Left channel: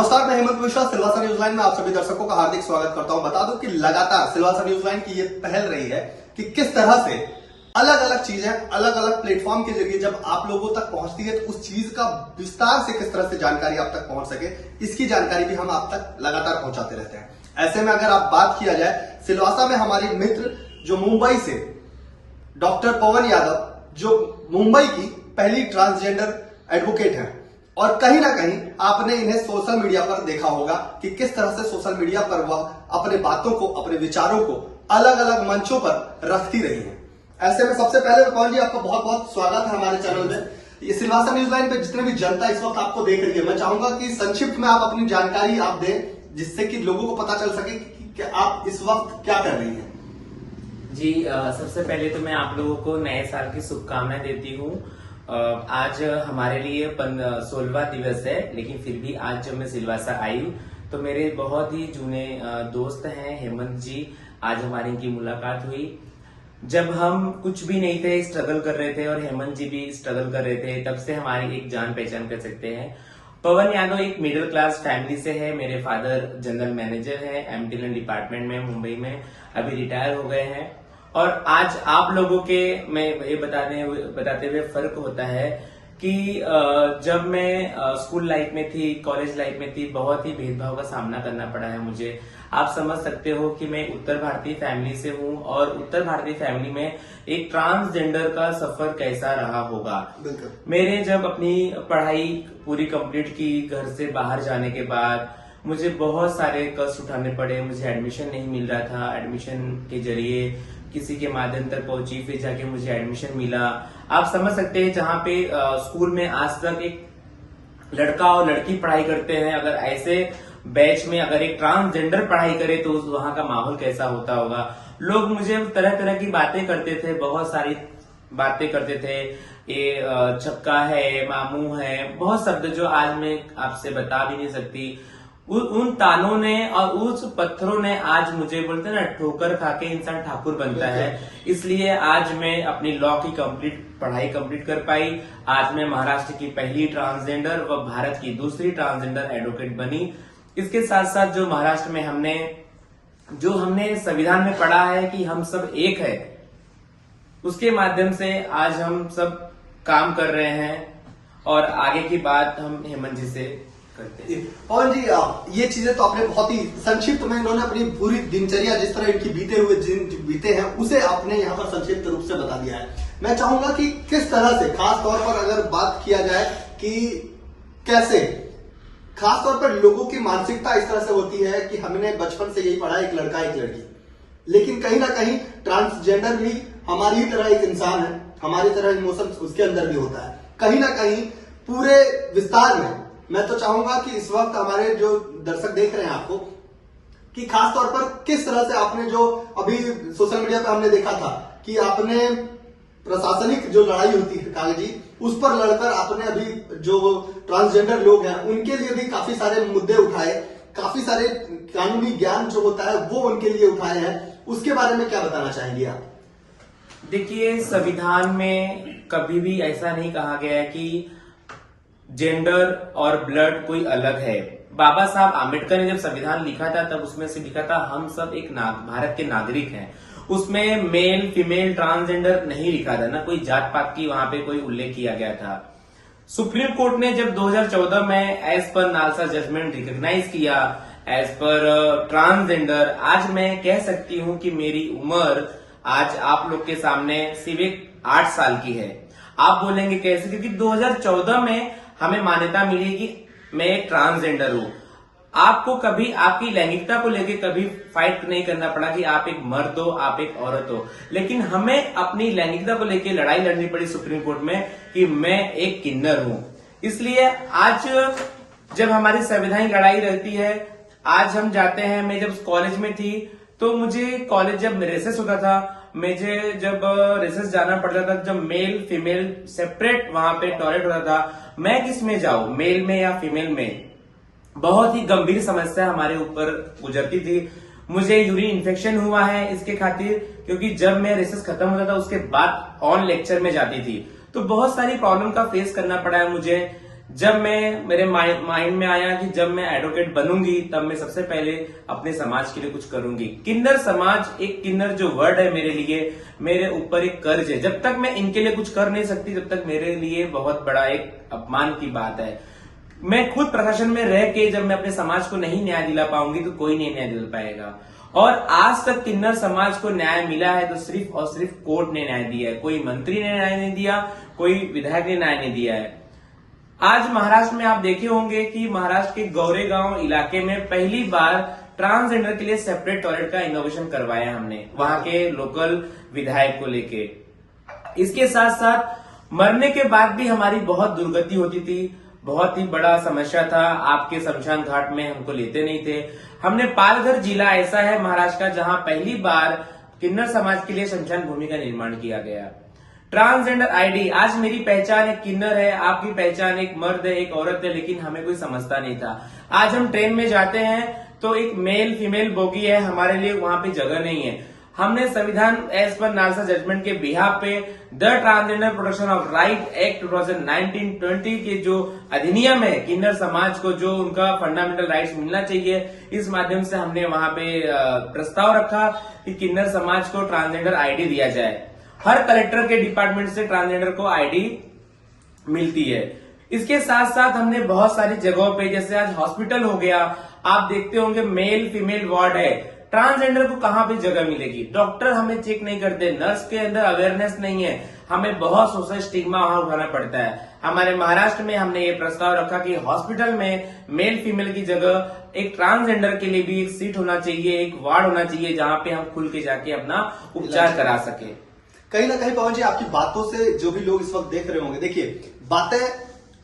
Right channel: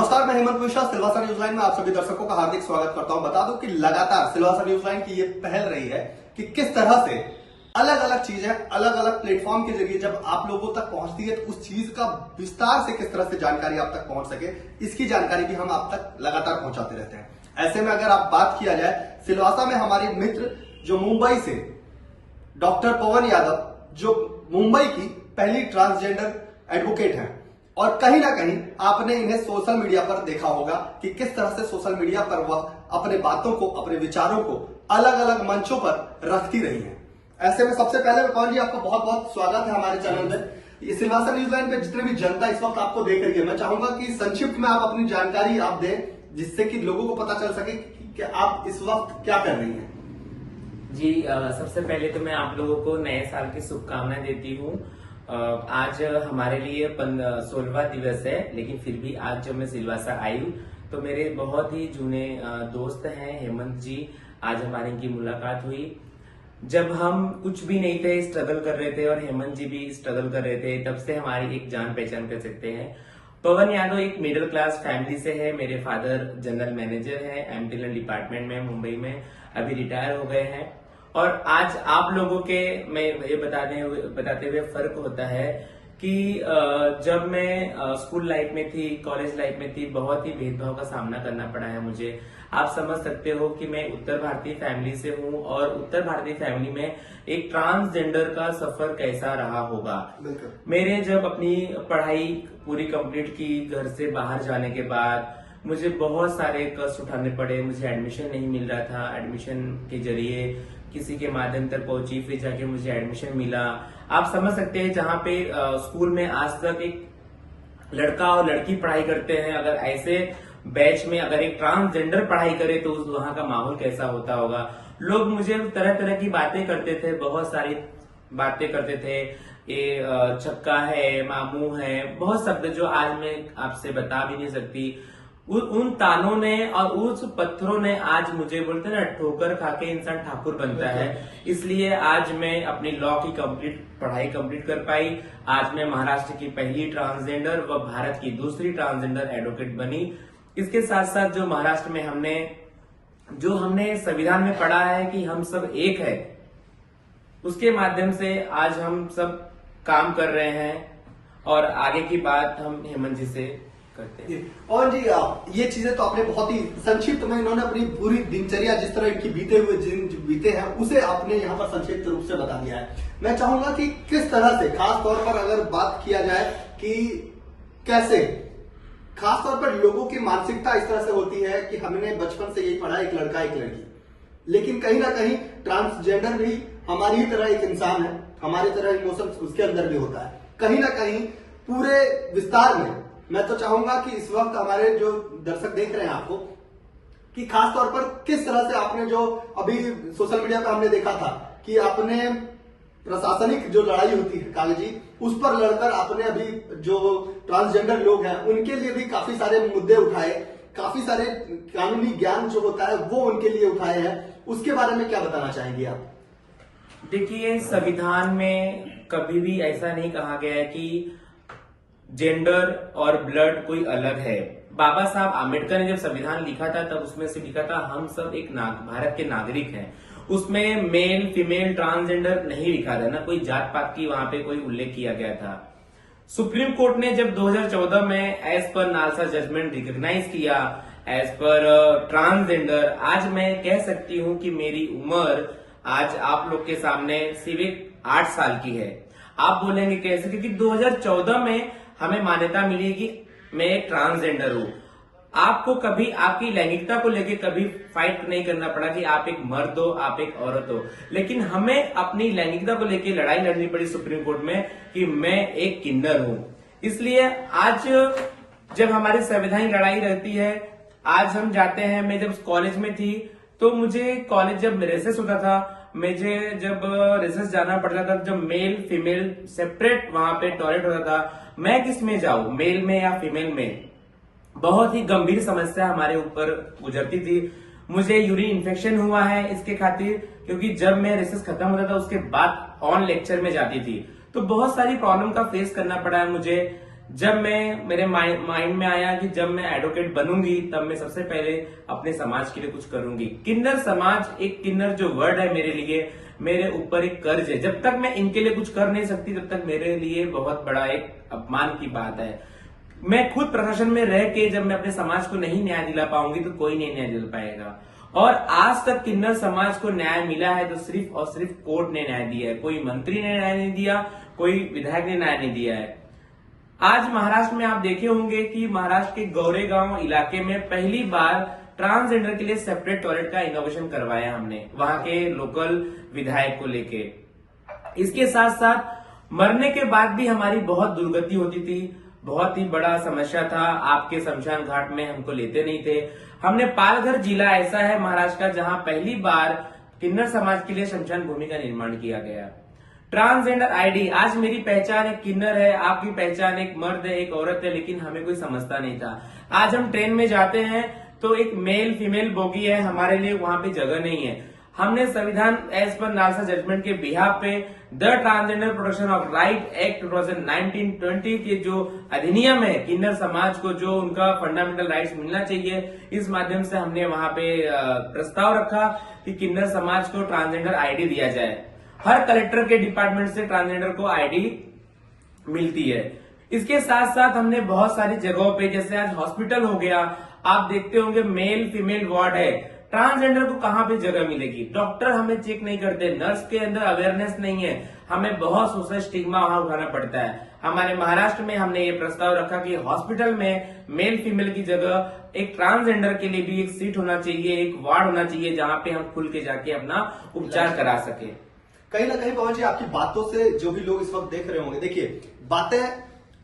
नमस्कार, मैं Hemant Mishra Silvassa news line में आप सभी दर्शकों का हार्दिक स्वागत करता हूं। बता दूं कि लगातार सिलवासा न्यूज लाइन की ये पहल रही है कि किस तरह से अलग अलग चीजें अलग अलग प्लेटफॉर्म के जरिए जब आप लोगों तक पहुंचती है तो उस चीज का विस्तार से किस तरह से जानकारी आप तक पहुंच सके, इसकी जानकारी भी हम आप तक लगातार पहुंचाते रहते हैं। ऐसे में अगर आप बात किया जाए, सिलवासा में हमारे मित्र जो मुंबई से डॉक्टर पवन यादव, जो मुंबई की पहली ट्रांसजेंडर एडवोकेट हैं, और कहीं ना कहीं आपने इन्हें सोशल मीडिया पर देखा होगा कि किस तरह से सोशल मीडिया पर वह अपने बातों को, अपने विचारों को अलग अलग मंचों पर रखती रही हैं। ऐसे में सबसे पहले पवन जी, आपका बहुत बहुत स्वागत है हमारे चैनल में। ये सिलवासा न्यूज लाइन पे जितने भी जनता इस वक्त आपको देख रही है, मैं चाहूंगा कि संक्षिप्त में आप अपनी जानकारी आप दें, जिससे कि लोगों को पता चल सके कि आप इस वक्त क्या कर रही है। जी, सबसे पहले तो मैं आप लोगों को नए साल की शुभकामनाएं देती हूँ। आज हमारे लिए 16वां दिवस है, लेकिन फिर भी आज जब मैं सिलवासा आई हूँ तो मेरे बहुत ही जूने दोस्त हैं हेमंत जी। आज हमारी इनकी मुलाकात हुई जब हम कुछ भी नहीं थे, स्ट्रगल कर रहे थे, और हेमंत जी भी स्ट्रगल कर रहे थे। तब से हमारी एक जान पहचान कर सकते हैं। पवन यादव एक मिडिल क्लास फैमिली से है। मेरे फादर जनरल मैनेजर है एमटीएल डिपार्टमेंट में मुंबई में, अभी रिटायर हो गए हैं। और आज आप लोगों के मैं ये बताते हुए फर्क होता है कि जब मैं स्कूल लाइफ में थी, कॉलेज लाइफ में थी, बहुत ही भेदभाव का सामना करना पड़ा है मुझे। आप समझ सकते हो कि मैं उत्तर भारतीय फैमिली से हूँ, और उत्तर भारतीय फैमिली में एक ट्रांसजेंडर का सफर कैसा रहा होगा। मेरे जब अपनी पढ़ाई पूरी कंप्लीट की, घर से बाहर जाने के बाद मुझे बहुत सारे कष्ट उठाने पड़े। मुझे एडमिशन नहीं मिल रहा था, एडमिशन के जरिए किसी के माध्यम तक पहुंची, फिर जाके मुझे एडमिशन मिला। आप समझ सकते हैं, जहाँ पे स्कूल में आज तक एक लड़का और लड़की पढ़ाई करते हैं, अगर ऐसे बैच में अगर एक ट्रांसजेंडर पढ़ाई करे तो वहां का माहौल कैसा होता होगा। लोग मुझे तरह तरह की बातें करते थे, बहुत सारी बातें करते थे। ये छक्का है, मामू है, बहुत शब्द जो आज मैं आपसे बता भी नहीं सकती। उन तानों ने और उस पत्थरों ने आज मुझे, बोलते हैं ना, ठोकर खा के इंसान ठाकुर बनता है। इसलिए आज मैं अपनी लॉ की पढ़ाई कंप्लीट कर पाई। आज मैं महाराष्ट्र की पहली ट्रांसजेंडर व भारत की दूसरी ट्रांसजेंडर एडवोकेट बनी। इसके साथ साथ जो महाराष्ट्र में हमने संविधान में पढ़ा है कि हम सब एक है, उसके माध्यम से आज हम सब काम कर रहे हैं। और आगे की बात हम हेमंत जी से करते हैं। पवन जी, ये चीजें तो आपने बहुत ही संक्षिप्त में, इन्होंने अपनी पूरी दिनचर्या जिस तरह इनकी बीते हुए दिन बीते हैं उसे आपने यहाँ पर संक्षिप्त रूप से बता दिया है। मैं चाहूंगा कि किस तरह से, खास तौर पर अगर बात किया जाए कि कैसे खास तौर पर लोगों की मानसिकता इस तरह से होती है कि हमने बचपन से यही पढ़ा, एक लड़का एक लड़की, लेकिन कहीं ना कहीं ट्रांसजेंडर भी हमारी ही तरह एक इंसान है, हमारी तरह इमोशन उसके अंदर भी होता है। कहीं ना कहीं पूरे विस्तार में मैं तो चाहूंगा कि इस वक्त हमारे जो दर्शक देख रहे हैं आपको, कि खास तौर पर किस तरह से आपने, जो अभी सोशल मीडिया पर हमने देखा था कि आपने प्रशासनिक जो लड़ाई होती है कागजी, उस पर लड़कर आपने अभी जो ट्रांसजेंडर लोग हैं उनके लिए भी काफी सारे मुद्दे उठाए, काफी सारे कानूनी ज्ञान जो होता है वो उनके लिए उठाए हैं। उसके बारे में क्या बताना चाहेंगे आप? देखिए, संविधान में कभी भी ऐसा नहीं कहा गया है कि जेंडर और ब्लड कोई अलग है। बाबा साहब आम्बेडकर ने जब संविधान लिखा था तब उसमें से लिखा था हम सब एक भारत के नागरिक हैं। उसमें मेल, फीमेल, ट्रांसजेंडर नहीं लिखा था, ना कोई जात पात की वहां पे कोई उल्लेख किया गया था। सुप्रीम कोर्ट ने जब 2014 में as per NALSA judgment recognise किया एज पर ट्रांसजेंडर, आज मैं कह सकती हूं कि मेरी उम्र आज आप लोग के सामने सिर्फ 8 साल की है। आप बोलेंगे कैसे? क्योंकि 2014 में हमें मान्यता मिली कि मैं एक ट्रांसजेंडर हूं। आपको कभी आपकी लैंगिकता को लेकर कभी फाइट नहीं करना पड़ा कि आप एक मर्द हो, आप एक औरत हो, लेकिन हमें अपनी लैंगिकता को लेकर लड़ाई लड़नी पड़ी सुप्रीम कोर्ट में कि मैं एक किन्नर हूं। इसलिए आज जब हमारी संवैधानिक लड़ाई रहती है, आज हम जाते हैं। मैं जब कॉलेज में थी तो मुझे कॉलेज जब रेसेस होता था, मुझे जब रेसेस जाना पड़ता था, जब मेल फीमेल सेपरेट वहां पे टॉयलेट होता था, मैं किस में जाऊं, मेल में या फीमेल में? बहुत ही गंभीर समस्या हमारे ऊपर गुजरती थी। मुझे यूरिन इन्फेक्शन हुआ है इसके खातिर, क्योंकि जब मैं रेसेस खत्म होता था उसके बाद ऑन लेक्चर में जाती थी, तो बहुत सारी प्रॉब्लम का फेस करना पड़ा है मुझे। जब मैं मेरे माइंड में आया कि जब मैं एडवोकेट बनूंगी तब मैं सबसे पहले अपने समाज के लिए कुछ करूंगी। किन्नर समाज, एक किन्नर जो वर्ड है मेरे लिए, मेरे ऊपर एक कर्ज है। जब तक मैं इनके लिए कुछ कर नहीं सकती तब तक मेरे लिए बहुत बड़ा एक अपमान की बात है। मैं खुद प्रशासन में रह के जब मैं अपने समाज को नहीं न्याय दिला पाऊंगी तो कोई नहीं न्याय दिला पाएगा। और आज तक किन्नर समाज को न्याय मिला है तो सिर्फ और सिर्फ कोर्ट ने न्याय दिया है। कोई मंत्री ने न्याय नहीं दिया, कोई विधायक ने न्याय नहीं दिया है। आज महाराष्ट्र में आप देखे होंगे कि महाराष्ट्र के गोरेगांव इलाके में पहली बार ट्रांसजेंडर के लिए सेपरेट टॉयलेट का इनोवेशन करवाया हमने, वहां के लोकल विधायक को लेके। इसके साथ साथ मरने के बाद भी हमारी बहुत दुर्गति होती थी, बहुत ही बड़ा समस्या था। आपके शमशान घाट में हमको लेते नहीं थे। हमने पालघर जिला ऐसा है महाराष्ट्र का जहां पहली बार किन्नर समाज के लिए शमशान भूमि का निर्माण किया गया। ट्रांसजेंडर आईडी, आज मेरी पहचान एक किन्नर है, आपकी पहचान एक मर्द है, एक औरत है, लेकिन हमें कोई समझता नहीं था। आज हम ट्रेन में जाते हैं तो एक मेल फीमेल बोगी है, हमारे लिए वहां पे जगह नहीं है। हमने संविधान एज पर नालसा जजमेंट के बिहाफ पे the transgender protection of right act 2019-20 के जो अधिनियम है, किन्नर समाज को जो उनका फंडामेंटल राइट्स मिलना चाहिए, इस माध्यम से हमने वहां पे प्रस्ताव रखा कि किन्नर समाज को ट्रांसजेंडर आईडी दिया जाए। हर कलेक्टर के डिपार्टमेंट से ट्रांसजेंडर को आईडी मिलती है। इसके साथ साथ हमने बहुत सारी जगहों पे, जैसे आज हॉस्पिटल हो गया, आप देखते होंगे मेल फीमेल वार्ड है, ट्रांसजेंडर को कहां पे जगह मिलेगी? डॉक्टर हमें चेक नहीं करते, नर्स के अंदर अवेयरनेस नहीं है, हमें बहुत सोशल स्टिग्मा वहां उठाना पड़ता है। हमारे महाराष्ट्र में हमने ये प्रस्ताव रखा कि हॉस्पिटल में मेल फीमेल की जगह एक ट्रांसजेंडर के लिए भी एक सीट होना चाहिए, एक वार्ड होना चाहिए, जहां पे हम खुल के जाके अपना उपचार करा सके। कहीं ना कहीं पवन जी, आपकी बातों से जो भी लोग इस वक्त देख रहे होंगे, देखिए बातें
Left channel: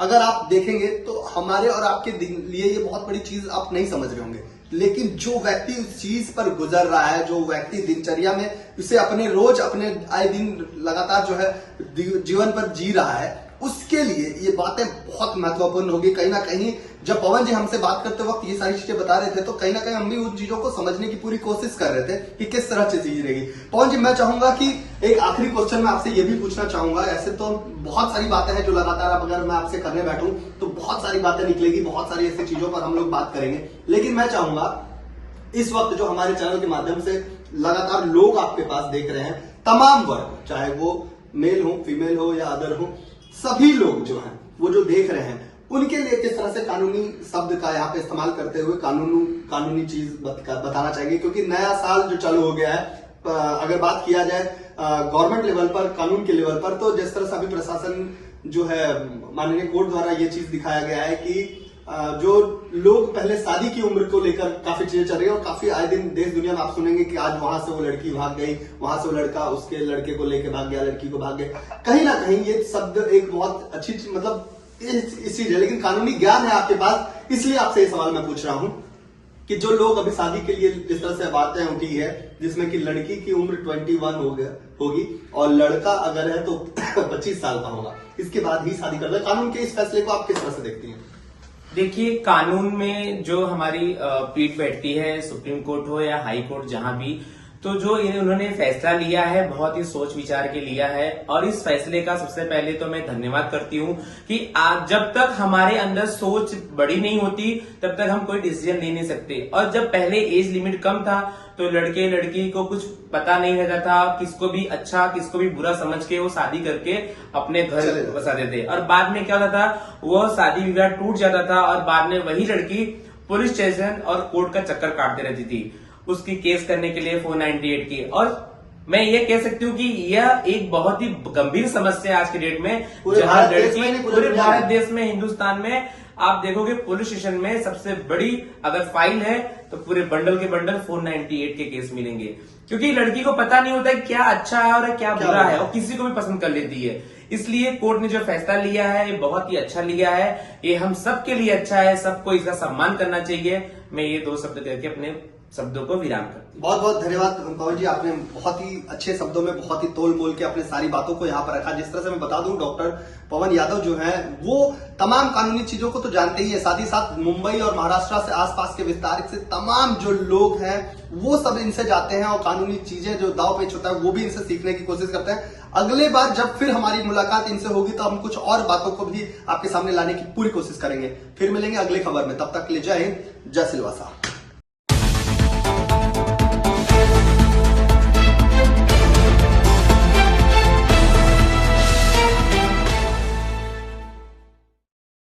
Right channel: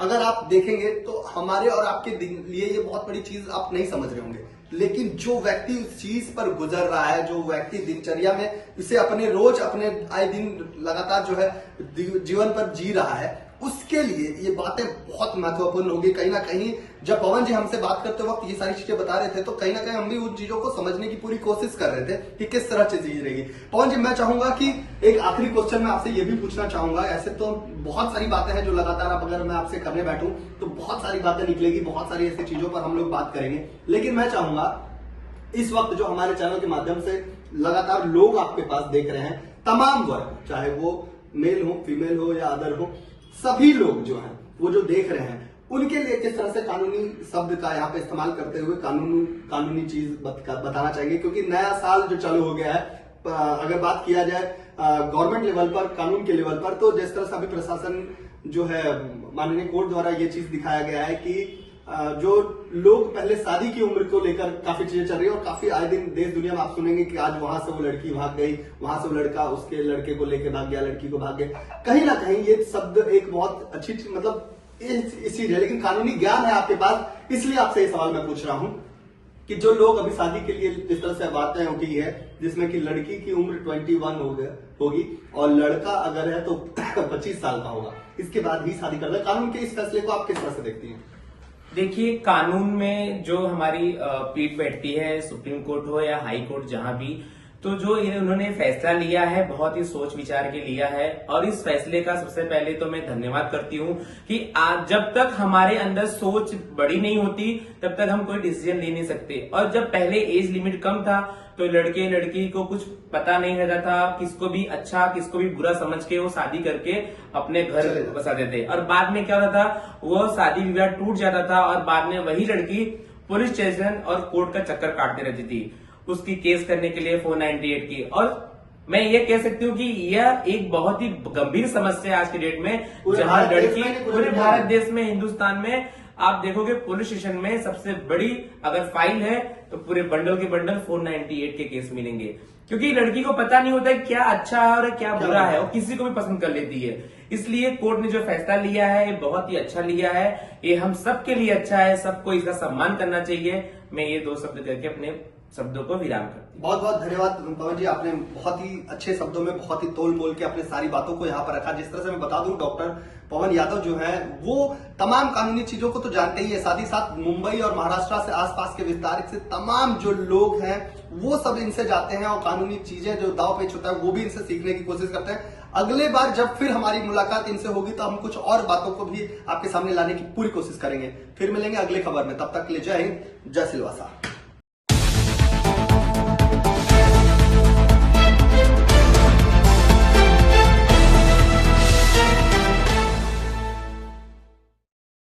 अगर आप देखेंगे तो हमारे और आपके लिए ये बहुत बड़ी चीज आप नहीं समझ रहे होंगे, लेकिन जो व्यक्ति उस चीज पर गुजर रहा है, जो व्यक्ति दिनचर्या में इसे अपने रोज अपने आए दिन लगातार जो है जीवन पर जी रहा है, उसके लिए ये बातें बहुत महत्वपूर्ण होगी। कहीं ना कहीं जब पवन जी हमसे बात करते वक्त ये सारी चीजें बता रहे थे तो कहीं ना कहीं हम भी उन चीजों को समझने की पूरी कोशिश कर रहे थे कि किस तरह से चीज रहेगी। पवन जी, मैं चाहूंगा कि एक आखिरी क्वेश्चन मैं आपसे ये भी पूछना चाहूंगा। ऐसे तो बहुत सारी बातें हैं जो लगातार अगर मैं आपसे करने बैठूं तो बहुत सारी बातें निकलेगी, बहुत सारी ऐसी चीजों पर हम लोग बात करेंगे, लेकिन मैं चाहूंगा इस वक्त जो हमारे चैनल के माध्यम से लगातार लोग आपके पास देख रहे हैं, तमाम वर्ग, चाहे वो मेल हो, फीमेल हो या अदर हो, सभी लोग जो हैं वो जो देख रहे हैं, उनके लिए किस तरह से कानूनी शब्द का यहाँ पे इस्तेमाल करते हुए कानूनी चीज बताना चाहिए? क्योंकि नया साल जो चालू हो गया है, अगर बात किया जाए गवर्नमेंट लेवल पर, कानून के लेवल पर, तो जिस तरह से अभी प्रशासन जो है माननीय कोर्ट द्वारा ये चीज दिखाया गया है कि जो लोग पहले शादी की उम्र को लेकर काफी चीजें चल रही है और काफी आए दिन देश दुनिया में आप सुनेंगे कि आज वहां से वो लड़की भाग गई, वहां से वो लड़का उसके लड़के को लेकर भाग गया, लड़की को भाग गए। कहीं ना कहीं ये शब्द एक बहुत अच्छी मतलब इस चीज है, लेकिन कानूनी ज्ञान है आपके पास, इसलिए आपसे ये सवाल मैं पूछ रहा हूं कि जो लोग अभी शादी के लिए जिस तरह से बातें उठी है, जिसमें कि लड़की की उम्र 21 होगी और लड़का अगर है तो 25 साल का होगा, इसके बाद ही शादी कर दे, कानून के इस फैसले को आप किस तरह से देखती हैं? देखिए, कानून में जो हमारी पीठ बैठती है, सुप्रीम कोर्ट हो या हाई कोर्ट, जहां भी, तो जो उन्होंने फैसला लिया है बहुत ही सोच विचार के लिया है। और इस फैसले का सबसे पहले तो मैं धन्यवाद करती हूं कि आज जब तक हमारे अंदर सोच बड़ी नहीं होती तब तक हम कोई डिसीजन ले नहीं सकते। और जब पहले एज लिमिट कम था तो लड़के लड़की को कुछ पता नहीं रहता था, किसको भी अच्छा किसको भी बुरा समझ के वो शादी करके अपने घर बसा देते, और बाद में क्या होता था, वो शादी विवाह टूट जाता था और बाद में वही लड़की पुलिस स्टेशन और कोर्ट का चक्कर काटती रहती थी उसकी केस करने के लिए 498 की। और मैं ये कह सकती हूँ कि यह एक बहुत ही गंभीर समस्या है आज के डेट में, जहां लड़की पूरे भारत देश में, हिंदुस्तान में आप देखोगे पुलिस स्टेशन में सबसे बड़ी अगर फाइल है तो पूरे बंडल के बंडल 498 के केस मिलेंगे, क्योंकि लड़की को पता नहीं होता है क्या अच्छा है और क्या बुरा है, और किसी को भी पसंद कर लेती है। इसलिए कोर्ट ने जो फैसला लिया है ये बहुत ही अच्छा लिया है, ये हम सबके लिए अच्छा है, सबको इसका सम्मान करना चाहिए। मैं ये 2 शब्द करके अपने शब्दों को विराम करती हूँ। बहुत बहुत धन्यवाद पवन जी, आपने बहुत ही अच्छे शब्दों में बहुत ही तोल मोल के अपने सारी बातों को यहाँ पर रखा। जिस तरह से मैं बता दूं, डॉक्टर पवन यादव जो है वो तमाम कानूनी चीजों को तो जानते ही है, साथ ही साथ मुंबई और महाराष्ट्र से आसपास के विस्तार से तमाम जो लोग हैं वो सब इनसे जाते हैं और कानूनी चीजें जो दाव पेच होता है वो भी इनसे सीखने की कोशिश करते हैं। अगले बार जब फिर हमारी मुलाकात इनसे होगी तो हम कुछ और बातों को भी आपके सामने लाने की पूरी कोशिश करेंगे। फिर मिलेंगे अगली खबर में, तब तक के लिए जय हिंद, जय सिलवासा।